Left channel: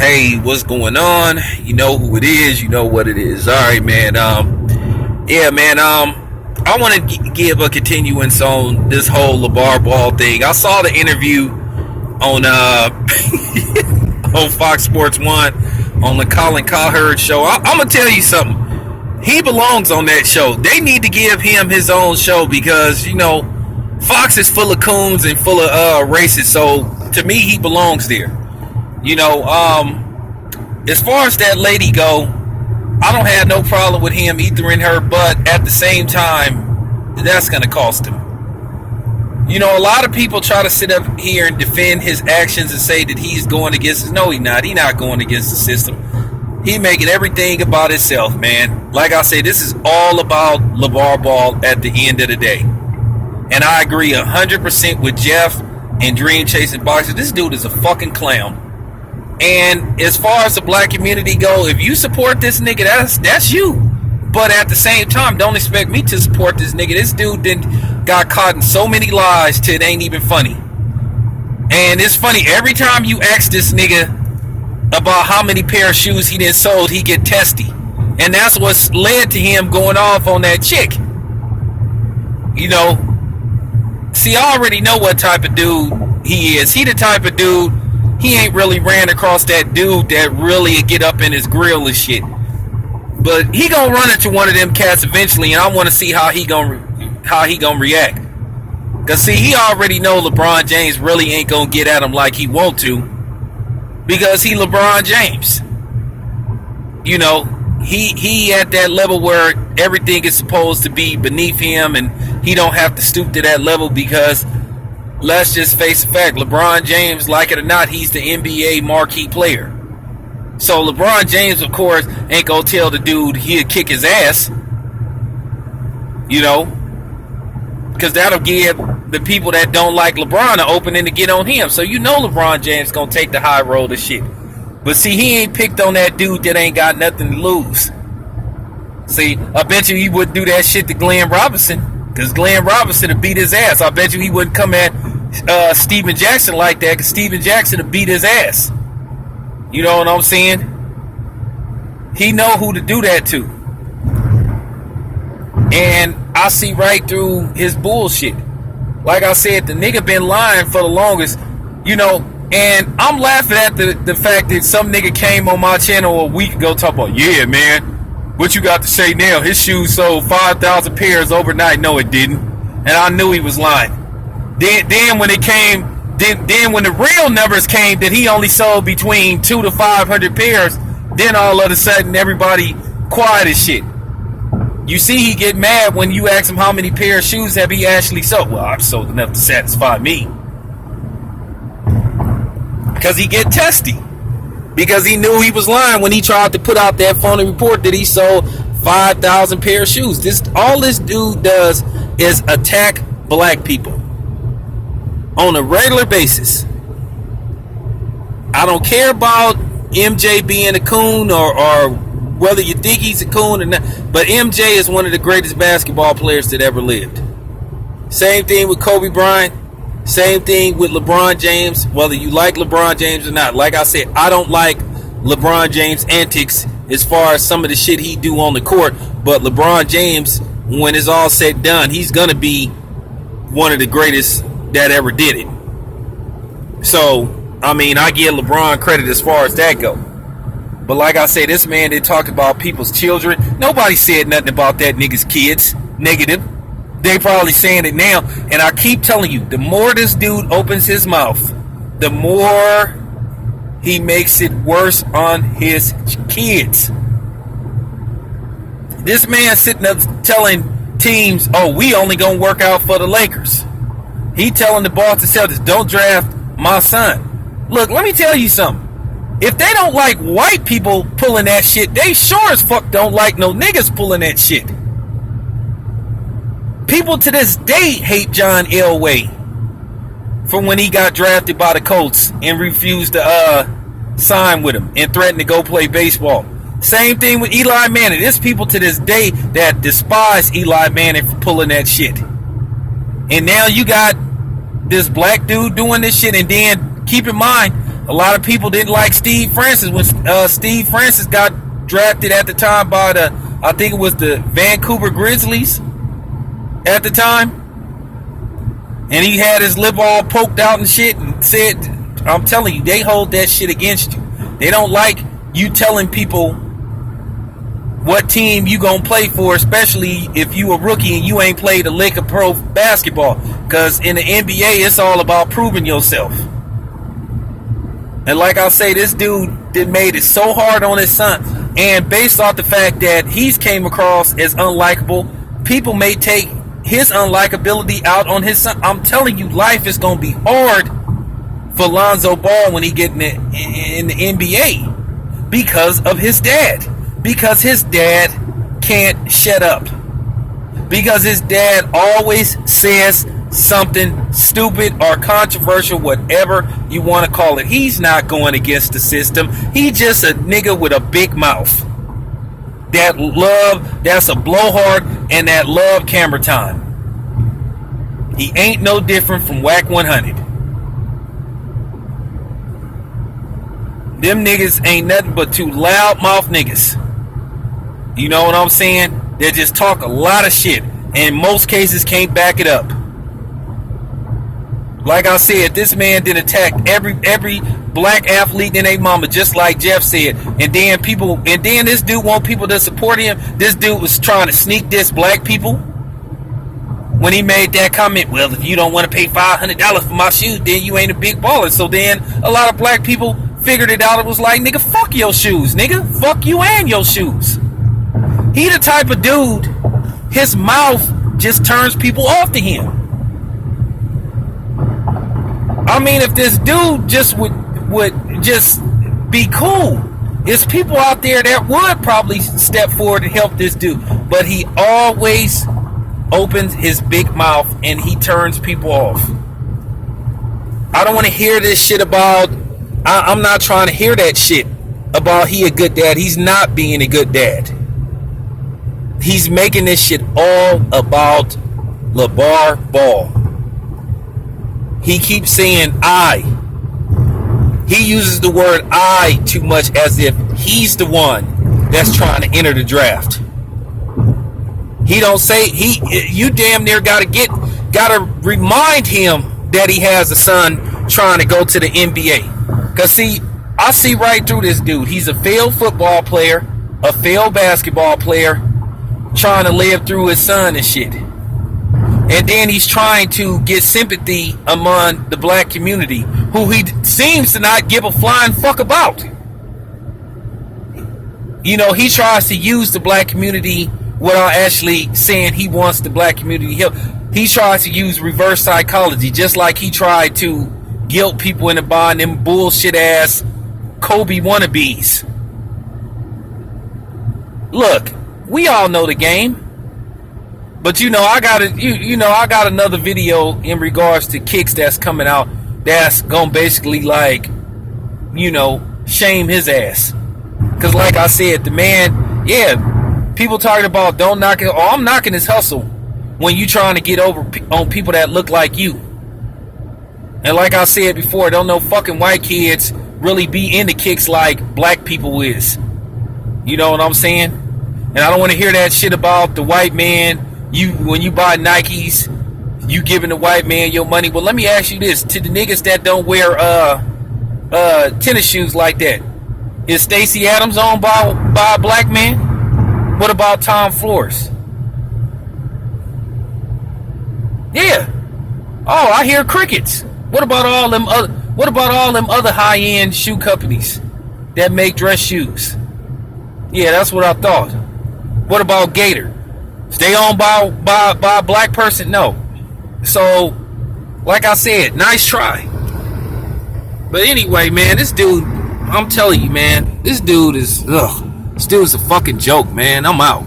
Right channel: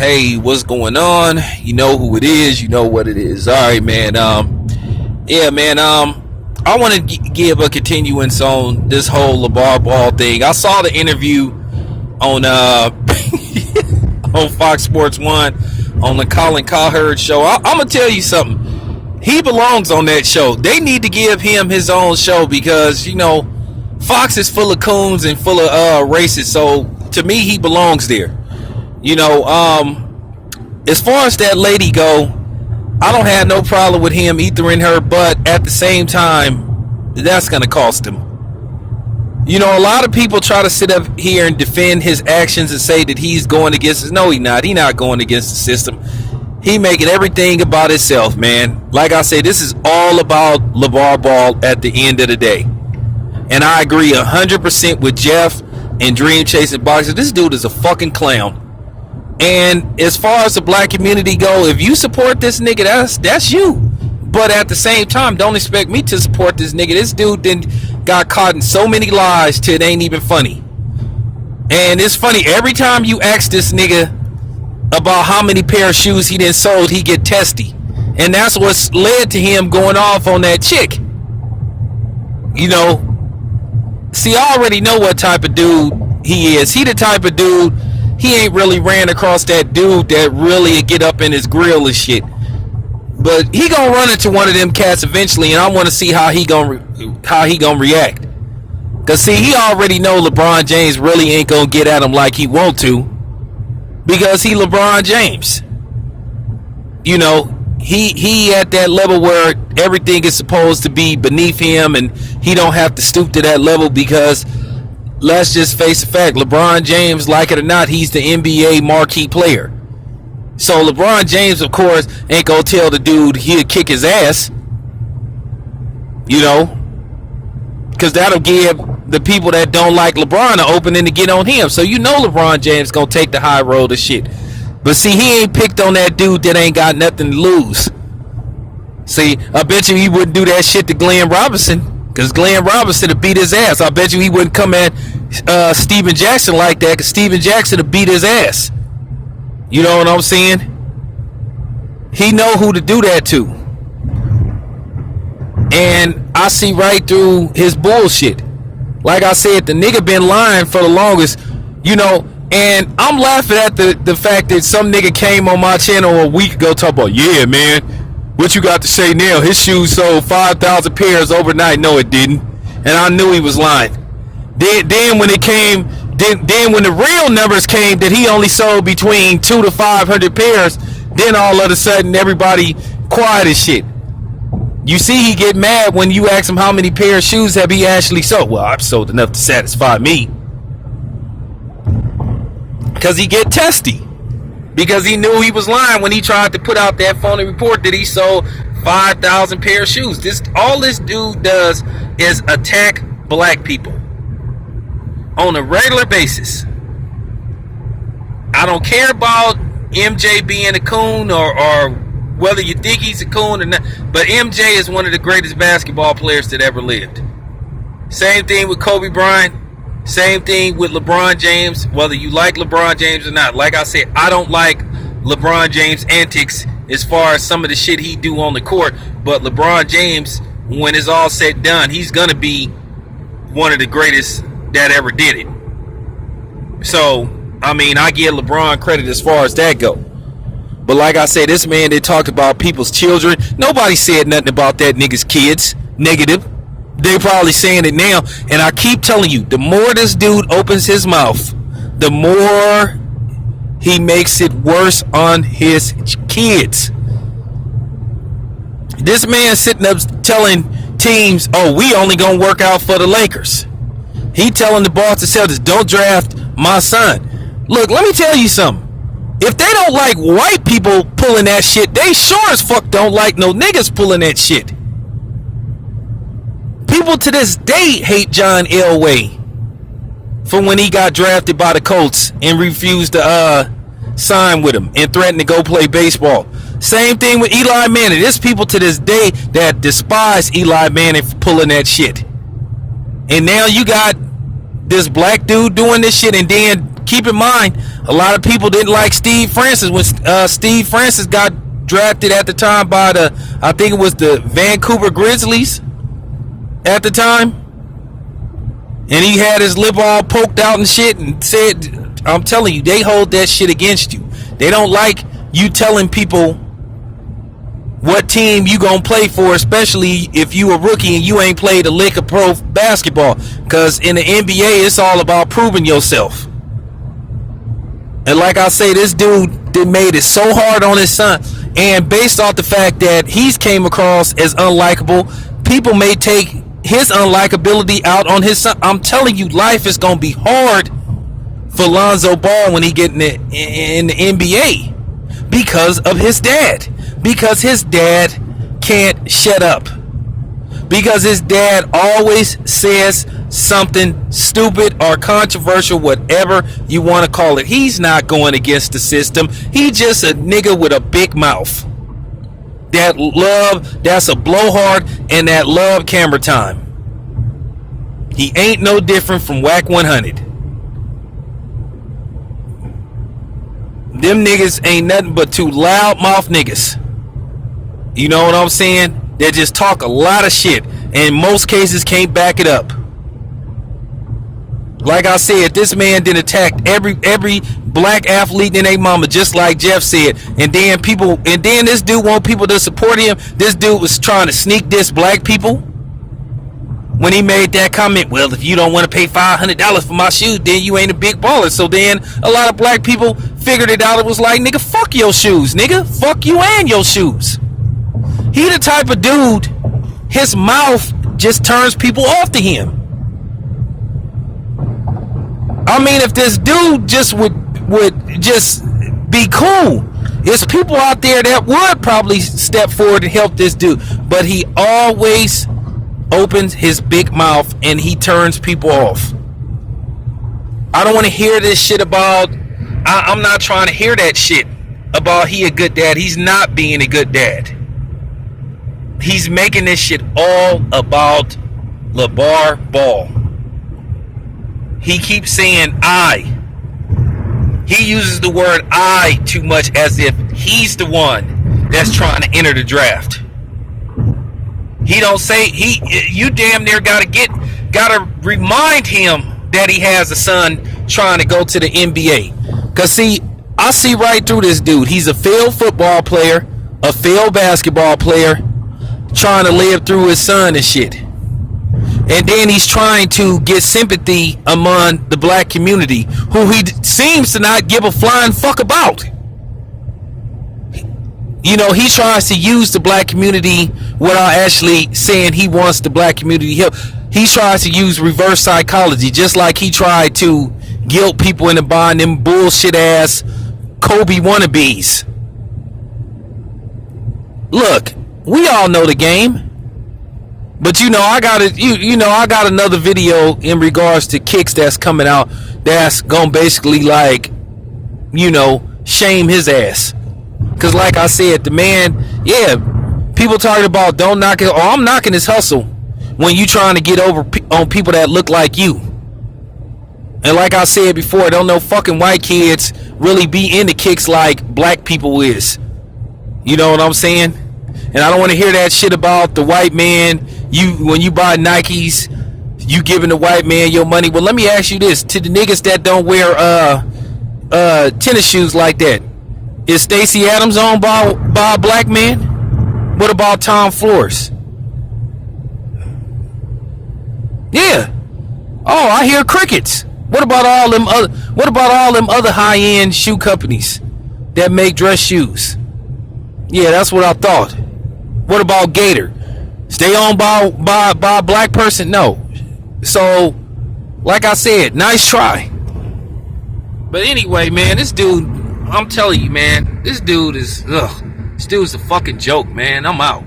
Hey, what's going on? You know who it is. You know what it is. All right, man. Yeah, man. I want to give a continuance on this whole Lavar Ball thing. I saw the interview on on Fox Sports One on the Colin Cowherd show. I'm gonna tell you something. He belongs on that show. They need to give him his own show because Fox is full of coons and full of racists. So to me, he belongs there. As far as that lady go, I don't have no problem with him ethering her, but at the same time, that's going to cost him. A lot of people try to sit up here and defend his actions and say that he's going against us. No, he's not. He's not going against the system. He making everything about himself, man. Like I say, this is all about LeVar Ball at the end of the day. And I agree 100% with Jeff and Dream Chasing Boxer. This dude is a fucking clown. And as far as the black community go, if you support this nigga, that's you. But at the same time, don't expect me to support this nigga. This dude then got caught in so many lies till it ain't even funny. And it's funny, every time you ask this nigga about how many pair of shoes he done sold, he get testy. And that's what's led to him going off on that chick. See, I already know what type of dude he is. He the type of dude, he ain't really ran across that dude that really get up in his grill and shit. But he gonna run into one of them cats eventually, and I want to see how he gonna react. Cause see, he already know LeBron James really ain't gonna get at him like he want to, because he LeBron James. He at that level where everything is supposed to be beneath him, and he don't have to stoop to that level because, let's just face the fact, LeBron James, like it or not, he's the NBA marquee player. So LeBron James, of course, ain't gonna tell the dude he'll kick his ass. Because that'll give the people that don't like LeBron an opening to get on him. So LeBron James gonna take the high road of shit. But see, he ain't picked on that dude that ain't got nothing to lose. See, I bet you he wouldn't do that shit to Glenn Robinson, because Glenn Robinson would beat his ass. I bet you he wouldn't come at Steven Jackson like that, because Steven Jackson would beat his ass. You know what I'm saying? He know who to do that to. And I see right through his bullshit. Like I said, the nigga been lying for the longest, and I'm laughing at the fact that some nigga came on my channel a week ago talking about, yeah, man, what you got to say now? His shoes sold 5,000 pairs overnight. No, it didn't. And I knew he was lying. Then when it came, then when the real numbers came that he only sold between 200 to 500 pairs, then all of a sudden everybody quiet as shit. You see, he get mad when you ask him how many pair of shoes have he actually sold. Well, I've sold enough to satisfy me. Because he get testy. Because he knew he was lying when he tried to put out that phony report that he sold 5,000 pair of shoes. All this dude does is attack black people on a regular basis. I don't care about MJ being a coon or whether you think he's a coon or not, but MJ is one of the greatest basketball players that ever lived. Same thing with Kobe Bryant. Same thing with LeBron James, whether you like LeBron James or not. Like I said, I don't like LeBron James' antics as far as some of the shit he do on the court, but LeBron James, when it's all said and done, he's going to be one of the greatest that ever did it. So, I give LeBron credit as far as that go. But like I said, this man, they talked about people's children. Nobody said nothing about that nigga's kids. Negative. They probably saying it now. And I keep telling you, the more this dude opens his mouth, the more he makes it worse on his kids. This man sitting up telling teams, oh, we only gonna work out for the Lakers. He telling the Boston Celtics, don't draft my son. Look, let me tell you something. If they don't like white people pulling that shit, they sure as fuck don't like no niggas pulling that shit. People to this day hate John Elway from when he got drafted by the Colts and refused to sign with him and threatened to go play baseball. Same thing with Eli Manning. There's people to this day that despise Eli Manning for pulling that shit. And now you got this black dude doing this shit, and then keep in mind, A lot of people didn't like Steve Francis when Steve Francis got drafted at the time by I think it was the Vancouver Grizzlies at the time. And he had his lip all poked out and shit and said, I'm telling you, they hold that shit against you. They don't like you telling people what team you gonna play for, especially if you a rookie and you ain't played a lick of pro basketball. Because in the NBA, it's all about proving yourself. And like I say, this dude made it so hard on his son. And based off the fact that he's came across as unlikable, people may take his unlikability out on his son. I'm telling you, life is going to be hard for Lonzo Ball when he get in the NBA because of his dad. Because his dad can't shut up. Because his dad always says something stupid or controversial, whatever you want to call it. He's not going against the system. He's just a nigga with a big mouth. That's a blowhard, and that love camera time. He ain't no different from Whack 100. Them niggas ain't nothing but two loudmouth niggas. You know what I'm saying? They just talk a lot of shit, and in most cases can't back it up. Like I said, this man did attack every black athlete in their mama, just like Jeff said. And then this dude want people to support him. This dude was trying to sneak diss black people when he made that comment. Well, if you don't want to pay $500 for my shoes, then you ain't a big baller. So then a lot of black people figured it out. It was like, nigga, fuck your shoes, nigga. Fuck you and your shoes. He the type of dude, his mouth just turns people off to him. I mean, if this dude just would just be cool, there's people out there that would probably step forward and help this dude. But he always opens his big mouth and he turns people off. I don't want to hear this shit about, I'm not trying to hear that shit about he a good dad. He's not being a good dad. He's making this shit all about Lavar Ball. He keeps saying I. He uses the word I too much, as if he's the one that's trying to enter the draft. He don't say you damn near gotta remind him that he has a son trying to go to the NBA. Cause see, I see right through this dude. He's a failed football player, a failed basketball player, trying to live through his son and shit. And then he's trying to get sympathy among the black community, who he seems to not give a flying fuck about. You know, he tries to use the black community without actually saying he wants the black community help. He tries to use reverse psychology, just like he tried to guilt people into buying them bullshit ass Kobe wannabes. Look, we all know the game. But you know, I got another video in regards to kicks that's coming out that's gonna basically, like, you know, shame his ass. Cause like I said, the man, yeah, people talking about don't knock it. Oh, I'm knocking his hustle when you trying to get over on people that look like you. And like I said before, don't know fucking white kids really be into kicks like black people is. You know what I'm saying? And I don't want to hear that shit about the white man. When you buy Nikes, you giving the white man your money. Well, let me ask you this: to the niggas that don't wear tennis shoes like that, is Stacey Adams owned by a black man? What about Tom Flores? Yeah. Oh, I hear crickets. What about all them other high-end shoe companies that make dress shoes? Yeah, that's what I thought. What about Gator? Stay owned by a black person? No. So, like I said, nice try. But anyway, man, this dude, I'm telling you, man, this dude is a fucking joke, man. I'm out.